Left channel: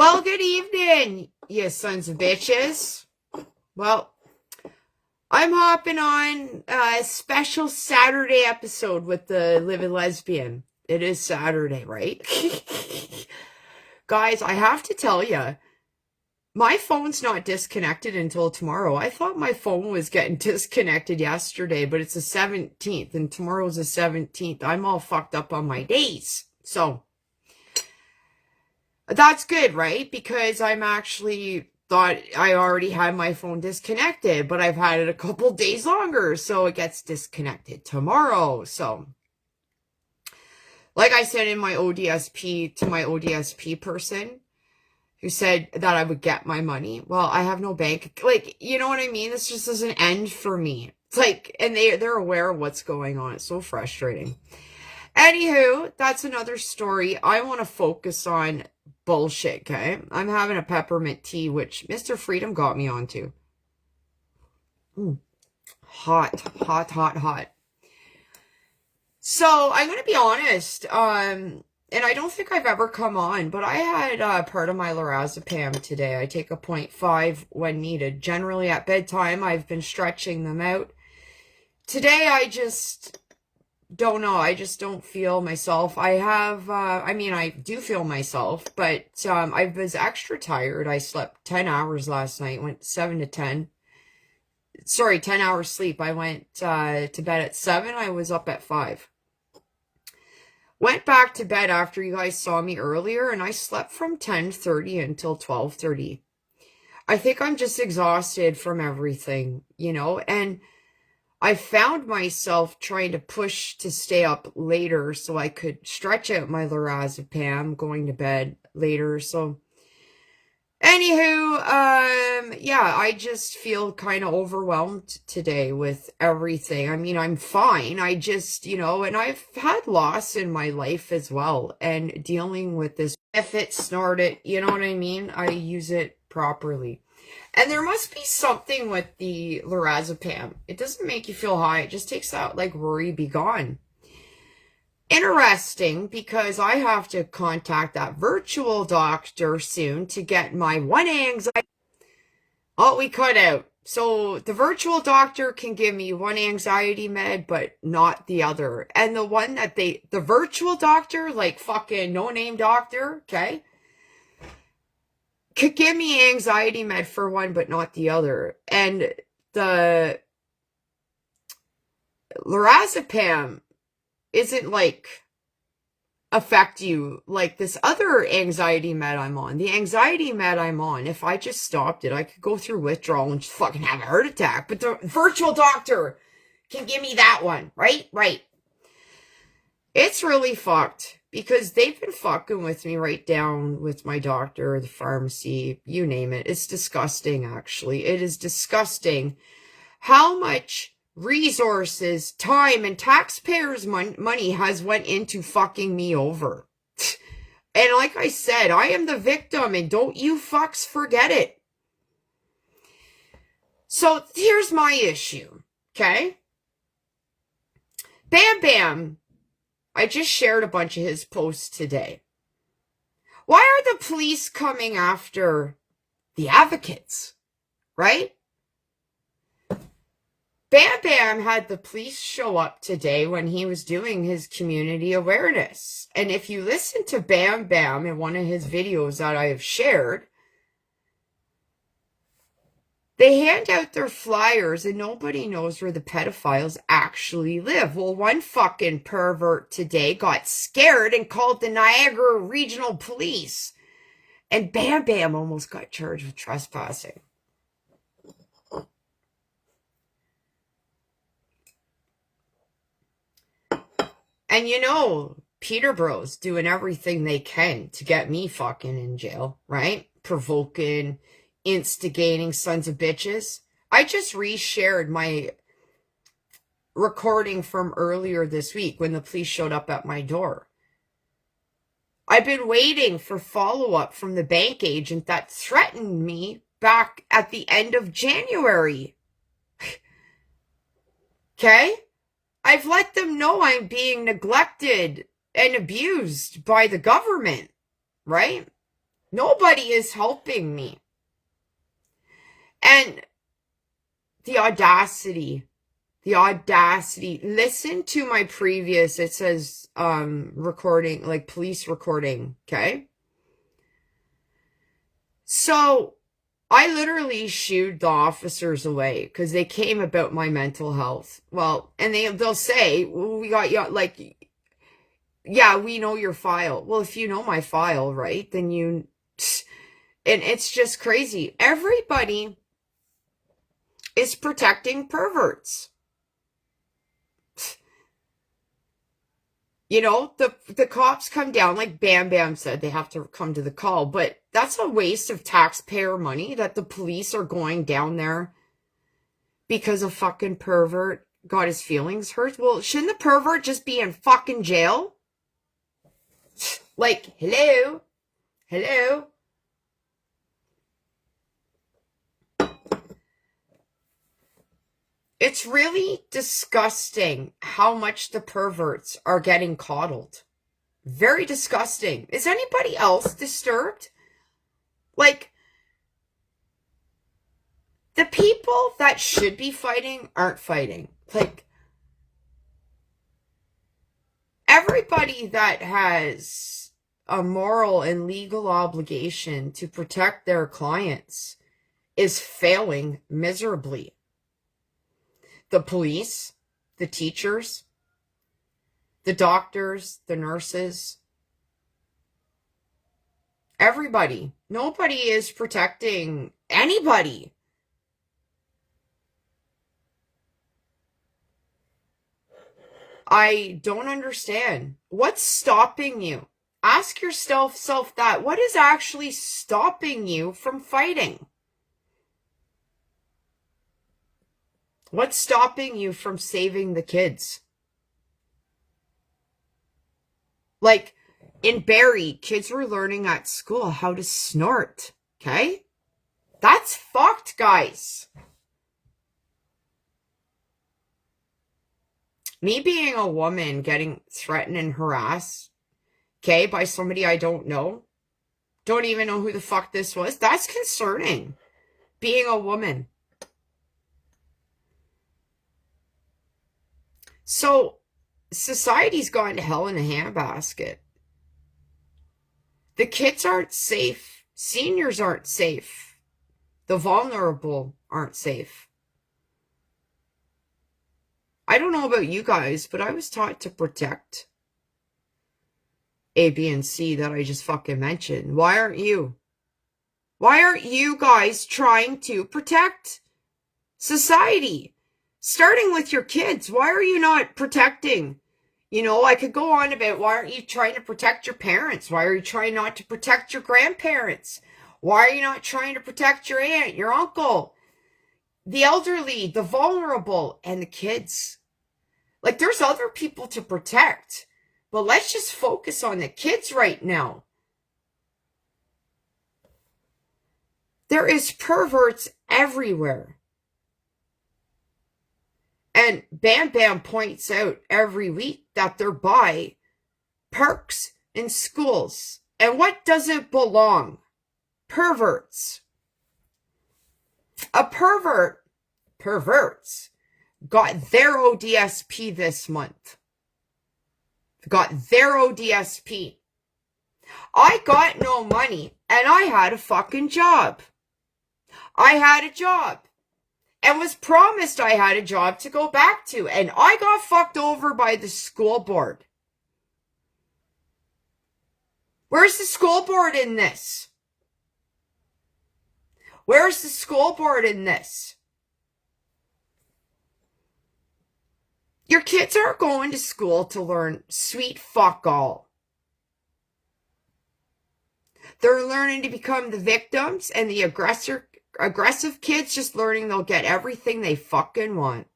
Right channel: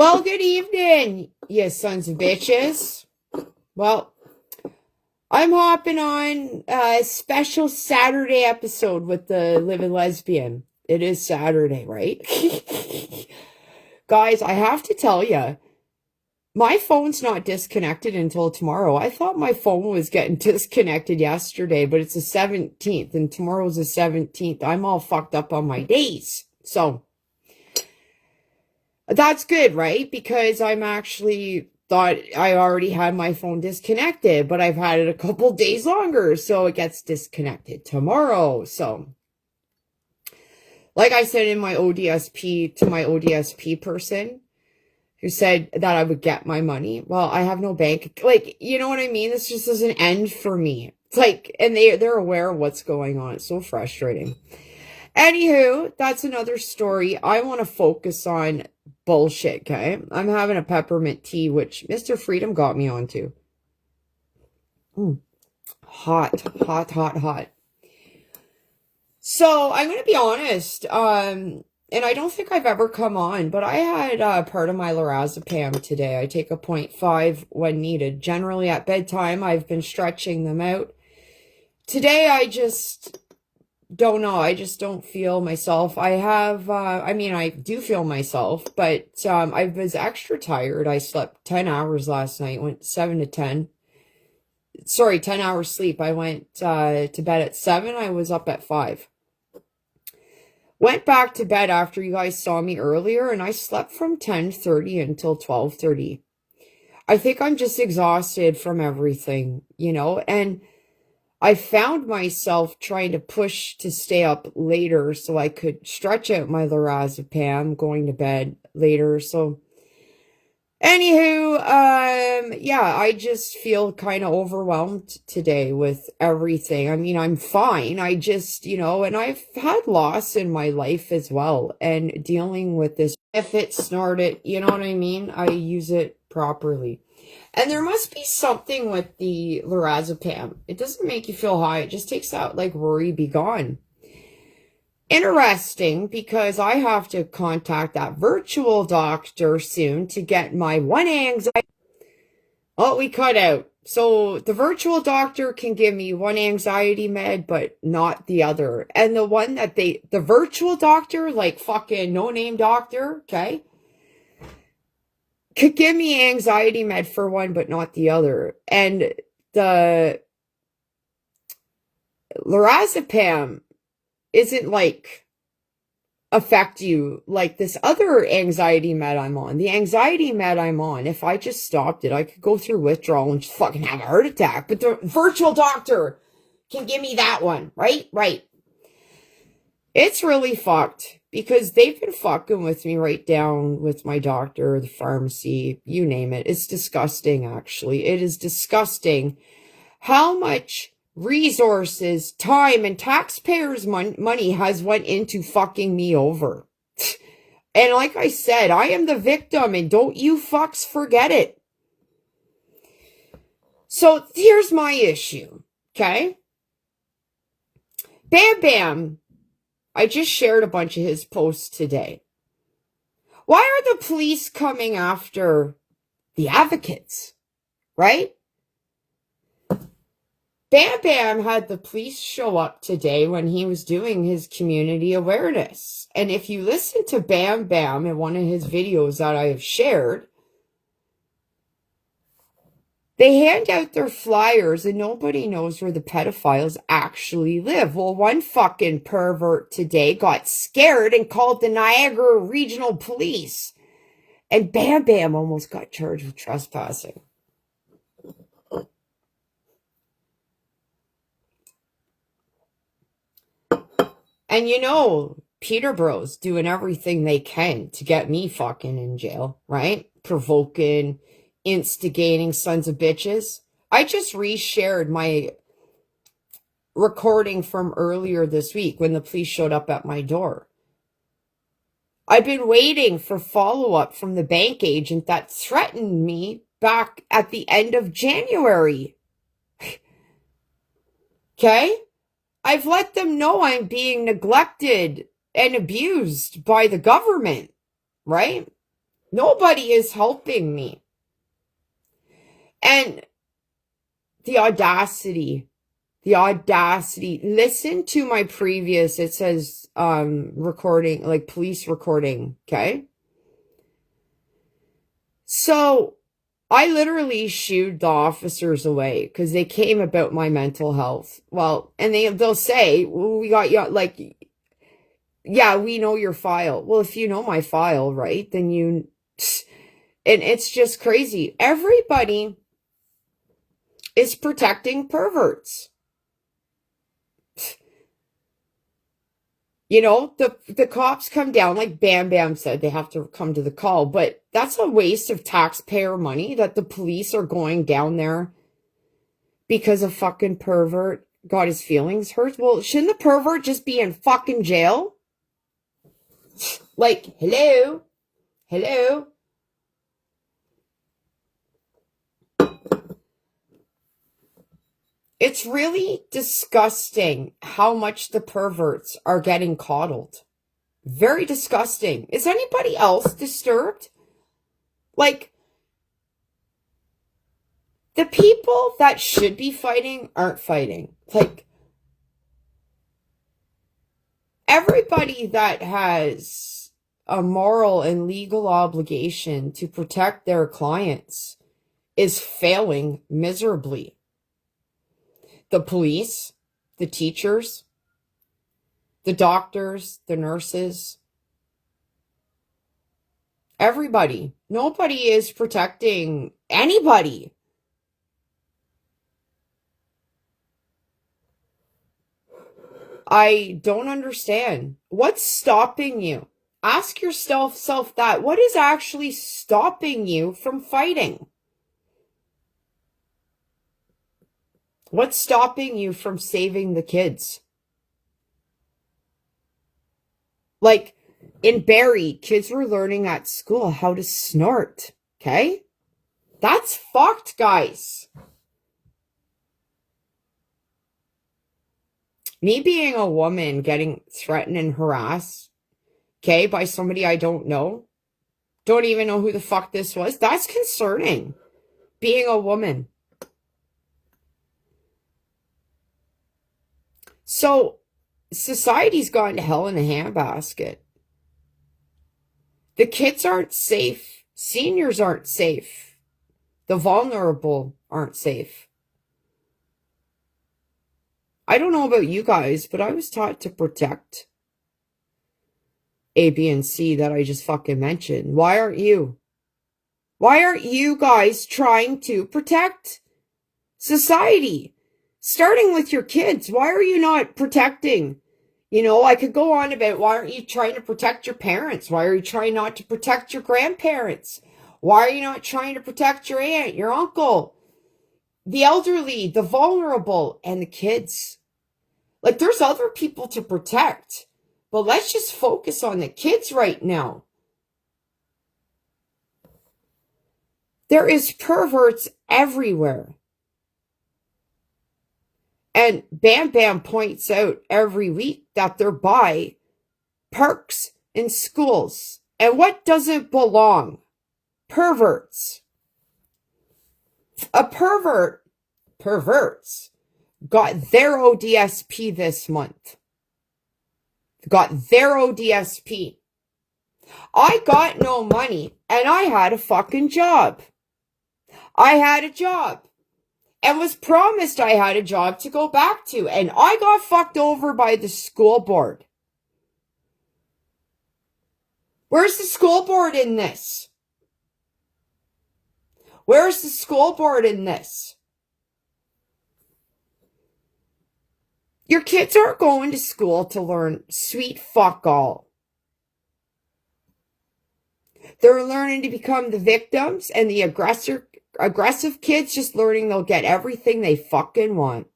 Well, good evening, you sons of bitches. Well, I'm hopping on a special Saturday episode with the Living Lesbian. It is Saturday, right? Guys, I have to tell you, my phone's not disconnected until tomorrow. I thought my phone was getting disconnected yesterday, but it's the 17th, and tomorrow's the 17th. I'm all fucked up on my days. So that's good, right? Because I'm actually thought I already had my phone disconnected, but I've had it a couple days longer, so it gets disconnected tomorrow. So, like I said in my ODSP, to my ODSP person who said that I would get my money, well, I have no bank. Like, you know what I mean? This just doesn't end for me. It's like, and they're aware of what's going on. It's so frustrating. Anywho, that's another story. I want to focus on bullshit, okay? I'm having a peppermint tea, which Mr. Freedom got me onto. Hot, hot, hot, hot. So, I'm going to be honest, and I don't think I've ever come on, but I had part of my lorazepam today. I take a 0.5 when needed. Generally, at bedtime, I've been stretching them out. Today, I just don't know. I just don't feel myself. I do feel myself, but I was extra tired. I slept 10 hours last night, went 7 to 10. Sorry, 10 hours sleep. I went to bed at 7. I was up at 5. Went back to bed after you guys saw me earlier, and I slept from 10:30 until 12:30. I think I'm just exhausted from everything, and I found myself trying to push to stay up later so I could stretch out my lorazepam, going to bed later. So, anywho, yeah, I just feel kind of overwhelmed today with everything. I mean, I'm fine. I just, and I've had loss in my life as well. And dealing with this, if it snorted, you know what I mean? I use it properly. And there must be something with the lorazepam. It doesn't make you feel high. It just takes that, like, worry be gone. Interesting, because I have to contact that virtual doctor soon to get my one anxiety. Oh, we cut out. So the virtual doctor can give me one anxiety med, but not the other. And the one that the virtual doctor, like fucking no-name doctor, okay, could give me anxiety med for one, but not the other. And the lorazepam isn't like affect you like this other anxiety med I'm on. The anxiety med I'm on, if I just stopped it, I could go through withdrawal and just fucking have a heart attack. But the virtual doctor can give me that one, right? Right. It's really fucked. Because they've been fucking with me right down with my doctor, the pharmacy, you name it. It's disgusting, actually. It is disgusting how much resources, time, and taxpayers' money has went into fucking me over. And like I said, I am the victim, and don't you fucks forget it. So here's my issue, okay? Bam Bam. I just shared a bunch of his posts today. Why are the police coming after the advocates, right? Bam Bam had the police show up today when he was doing his community awareness. And if you listen to Bam Bam in one of his videos that I have shared, they hand out their flyers and nobody knows where the pedophiles actually live. Well, one fucking pervert today got scared and called the Niagara Regional Police. And Bam Bam almost got charged with trespassing. And Peterborough's doing everything they can to get me fucking in jail, right? Provoking, instigating sons of bitches. I just reshared my recording from earlier this week when the police showed up at my door. I've been waiting for follow-up from the bank agent that threatened me back at the end of January. Okay? I've let them know I'm being neglected and abused by the government, right? Nobody is helping me. And the audacity, listen to my previous, it says, recording, like police recording, okay? So I literally shooed the officers away because they came about my mental health. Well, and they'll say, well, we got you, like, yeah, we know your file. Well, if you know my file, right, then you, and it's just crazy. Everybody is protecting perverts. You know, the cops come down, like Bam Bam said, they have to come to the call, but that's a waste of taxpayer money that the police are going down there because a fucking pervert got his feelings hurt. Well, shouldn't the pervert just be in fucking jail? Like, hello? Hello? It's really disgusting how much the perverts are getting coddled. Very disgusting. Is anybody else disturbed? Like, the people that should be fighting aren't fighting. Like, everybody that has a moral and legal obligation to protect their clients is failing miserably. The police, the teachers, the doctors, the nurses, everybody. Nobody is protecting anybody. I don't understand. What's stopping you? Ask yourself that. What is actually stopping you from fighting? What's stopping you from saving the kids? Like, in Barrie, kids were learning at school how to snort, okay? That's fucked, guys. Me being a woman getting threatened and harassed, okay, by somebody I don't know, don't even know who the fuck this was, that's concerning. Being a woman. So, society's gone to hell in a handbasket. The kids aren't safe. Seniors aren't safe. The vulnerable aren't safe. I don't know about you guys, but I was taught to protect A, B, and C that I just fucking mentioned. Why aren't you? Why aren't you guys trying to protect society? Starting with your kids. Why are you not protecting? You know, I could go on about why aren't you trying to protect your parents? Why are you trying not to protect your grandparents? Why are you not trying to protect your aunt, your uncle, the elderly, the vulnerable, and the kids? Like, there's other people to protect, but let's just focus on the kids right now. There is perverts everywhere. And Bam Bam points out every week that they're by parks and schools. And what doesn't belong? Perverts. A perverts got their ODSP this month. Got their ODSP. I got no money and I had a fucking job. I had a job. And was promised I had a job to go back to. And I got fucked over by the school board. Where's the school board in this? Where's the school board in this? Your kids aren't going to school to learn sweet fuck all. They're learning to become the victims and the aggressive kids just learning they'll get everything they fucking want.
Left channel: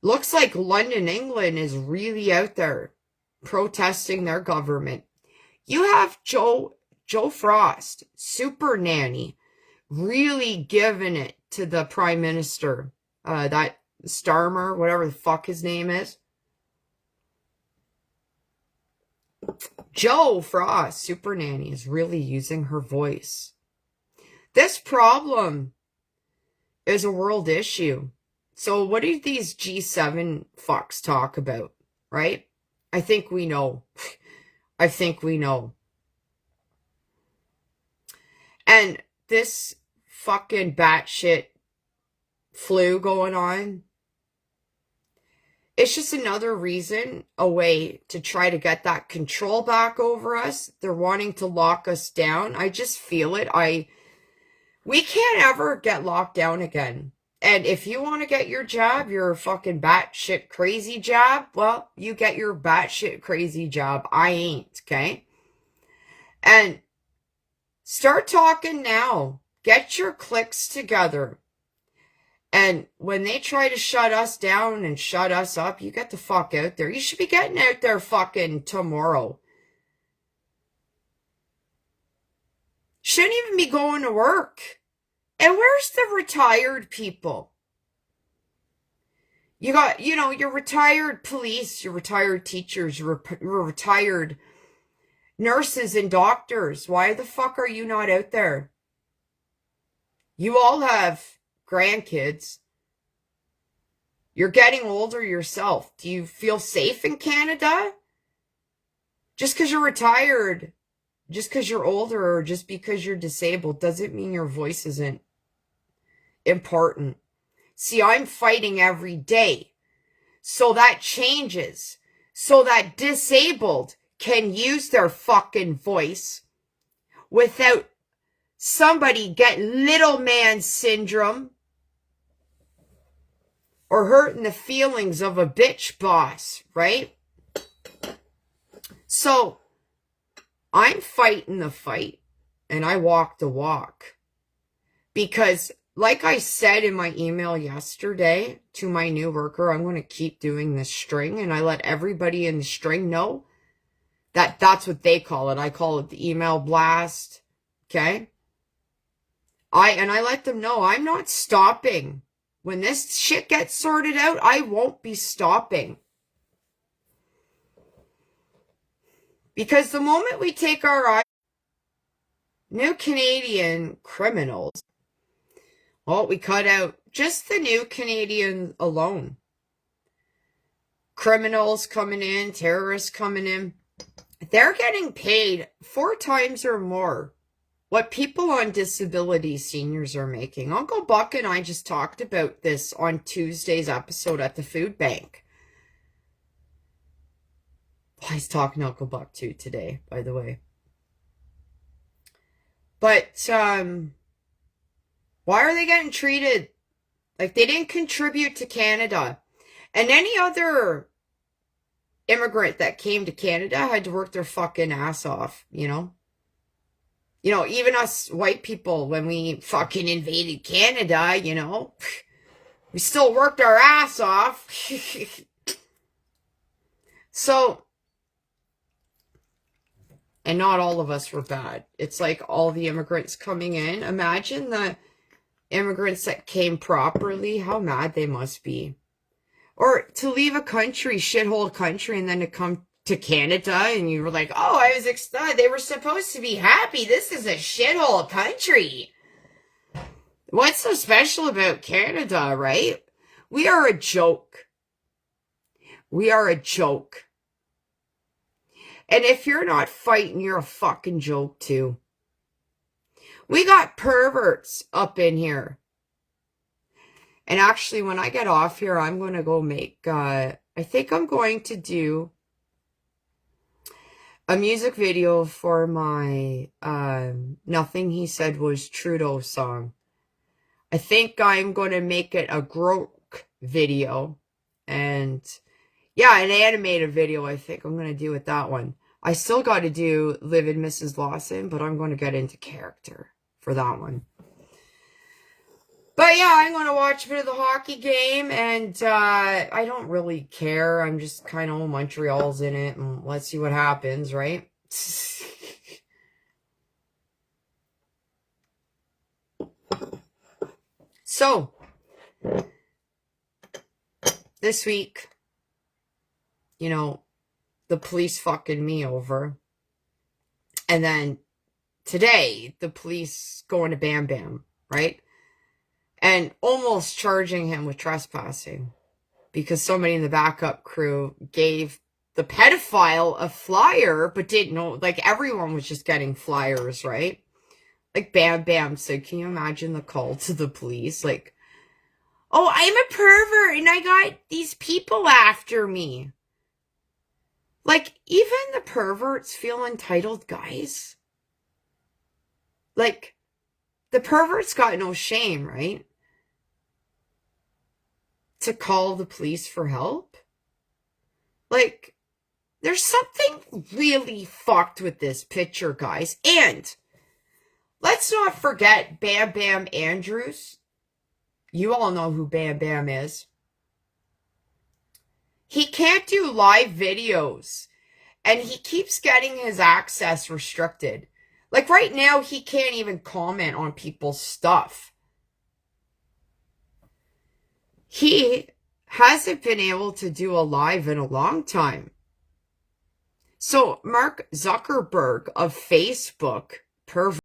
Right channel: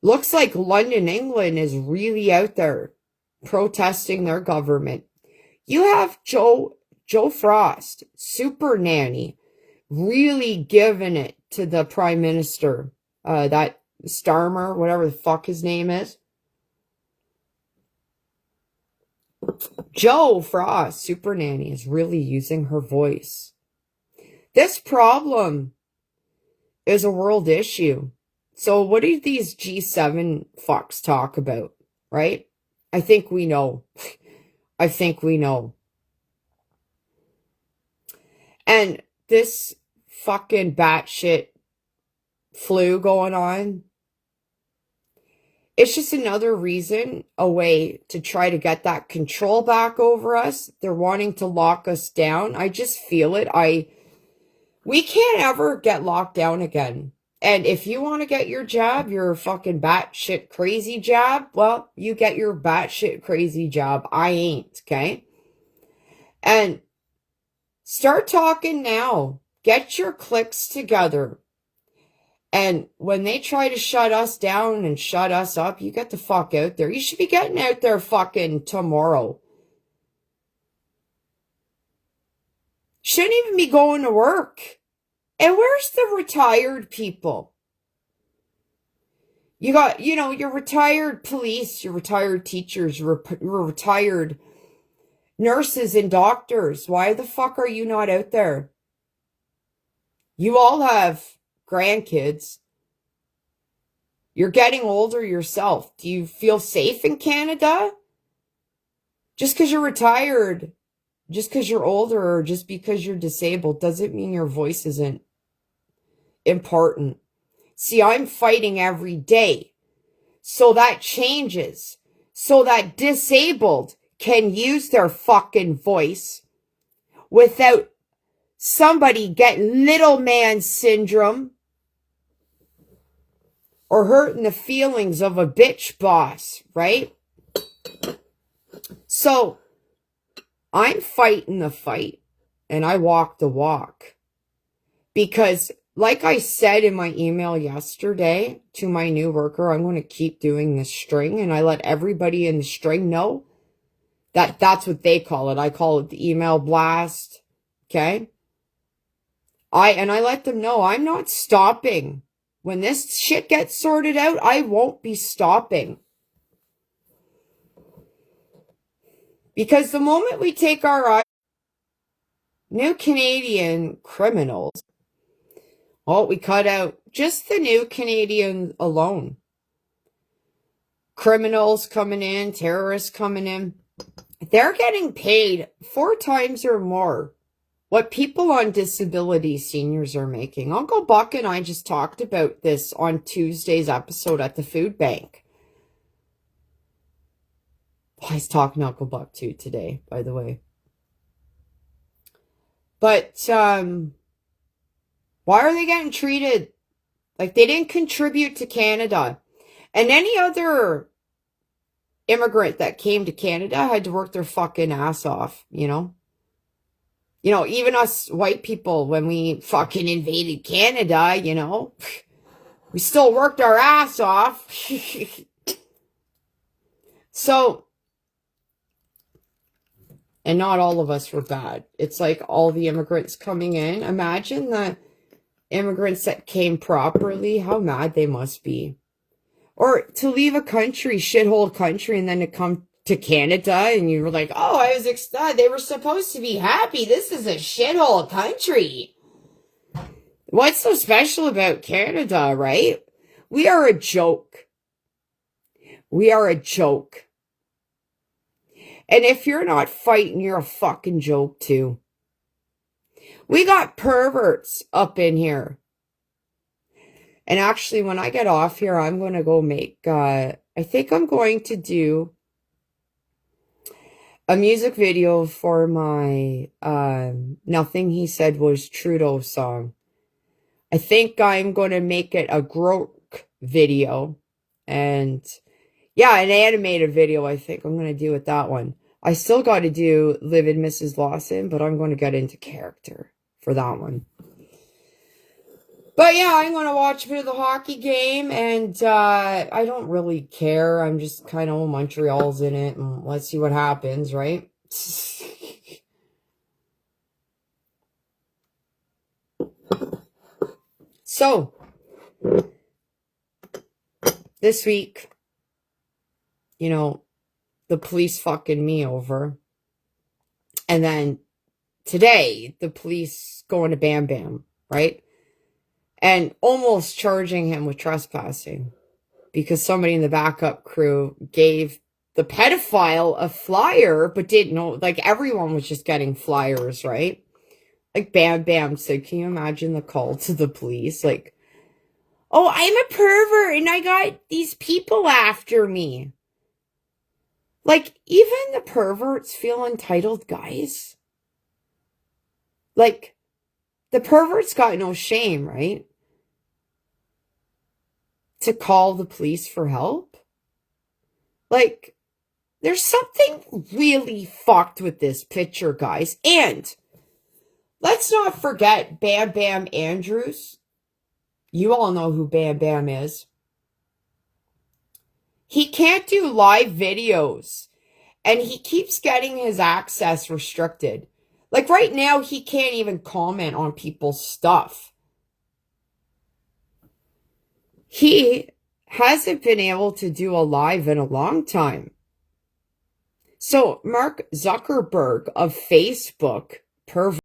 Looks like London, England is really out there protesting their government. You have Joe Frost, super nanny, really giving it to the prime minister, that Starmer, whatever the fuck his name is. Joe Frost, Super Nanny, is really using her voice. This problem is a world issue. So what do these G7 fucks talk about, right? I think we know. I think we know. And this fucking batshit flu going on, it's just another reason, a way to try to get that control back over us. They're wanting to lock us down. I just feel it. We can't ever get locked down again. And if you want to get your jab, your fucking batshit crazy jab, well, you get your batshit crazy jab. I ain't, okay? And start talking now. Get your cliques together. And when they try to shut us down and shut us up, you get the fuck out there. You should be getting out there fucking tomorrow. Shouldn't even be going to work. And where's the retired people? You got, your retired police, your retired teachers, your retired nurses and doctors. Why the fuck are you not out there? You all have grandkids. You're getting older yourself. Do you feel safe in Canada? Just because you're retired, just because you're older, or just because you're disabled doesn't mean your voice isn't important. See, I'm fighting every day so that changes, so that disabled can use their fucking voice without somebody getting little man syndrome or hurting the feelings of a bitch boss, right? So I'm fighting the fight and I walk the walk because, like I said in my email yesterday to my new worker, I'm going to keep doing this string, and I let everybody in the string know that that's what they call it. I call it the email blast. Okay? I let them know I'm not stopping. When this shit gets sorted out, I won't be stopping. Because the moment we take our eye, new Canadian criminals, well, we cut out just the new Canadian alone. Criminals coming in, terrorists coming in. They're getting paid 4 times or more what people on disability seniors are making. Uncle Buck and I just talked about this on Tuesday's episode at the food bank. He's talking to Uncle Buck too today, by the way. But why are they getting treated like they didn't contribute to Canada? And any other immigrant that came to Canada had to work their fucking ass off, even us white people, when we fucking invaded Canada, we still worked our ass off. So, and not all of us were bad. It's like all the immigrants coming in. Imagine the immigrants that came properly, how mad they must be. Or to leave a country, shithole country, and then to come to Canada, and you were like, oh, I was excited. They were supposed to be happy. This is a shithole country. What's so special about Canada, right? We are a joke. We are a joke. And if you're not fighting, you're a fucking joke too. We got perverts up in here. And actually, when I get off here, I'm going to go make, I think I'm going to do a music video for my Nothing He Said Was Trudeau song. I think I'm going to make it a Grok video. And yeah, an animated video, I think I'm going to do with that one. I still got to do Live in Mrs. Lawson, but I'm going to get into character for that one. But yeah, I'm going to watch a bit of the hockey game, and I don't really care. I'm just kind of, Montreal's in it, and let's see what happens, right? So, this week, you know, the police fucking me over. And then today, the police going to Bam Bam, right? And almost charging him with trespassing because somebody in the backup crew gave the pedophile a flyer, but didn't know, like everyone was just getting flyers, right? Like Bam Bam said, can you imagine the call to the police? Like, oh, I'm a pervert and I got these people after me. Like, even the perverts feel entitled, guys. Like, the perverts got no shame, right? To call the police for help. Like, there's something really fucked with this picture, guys. And let's not forget Bam Bam Andrews. You all know who Bam Bam is. He can't do live videos. And he keeps getting his access restricted. Like right now, he can't even comment on people's stuff. He hasn't been able to do a live in a long time. So Mark Zuckerberg of Facebook, pervert.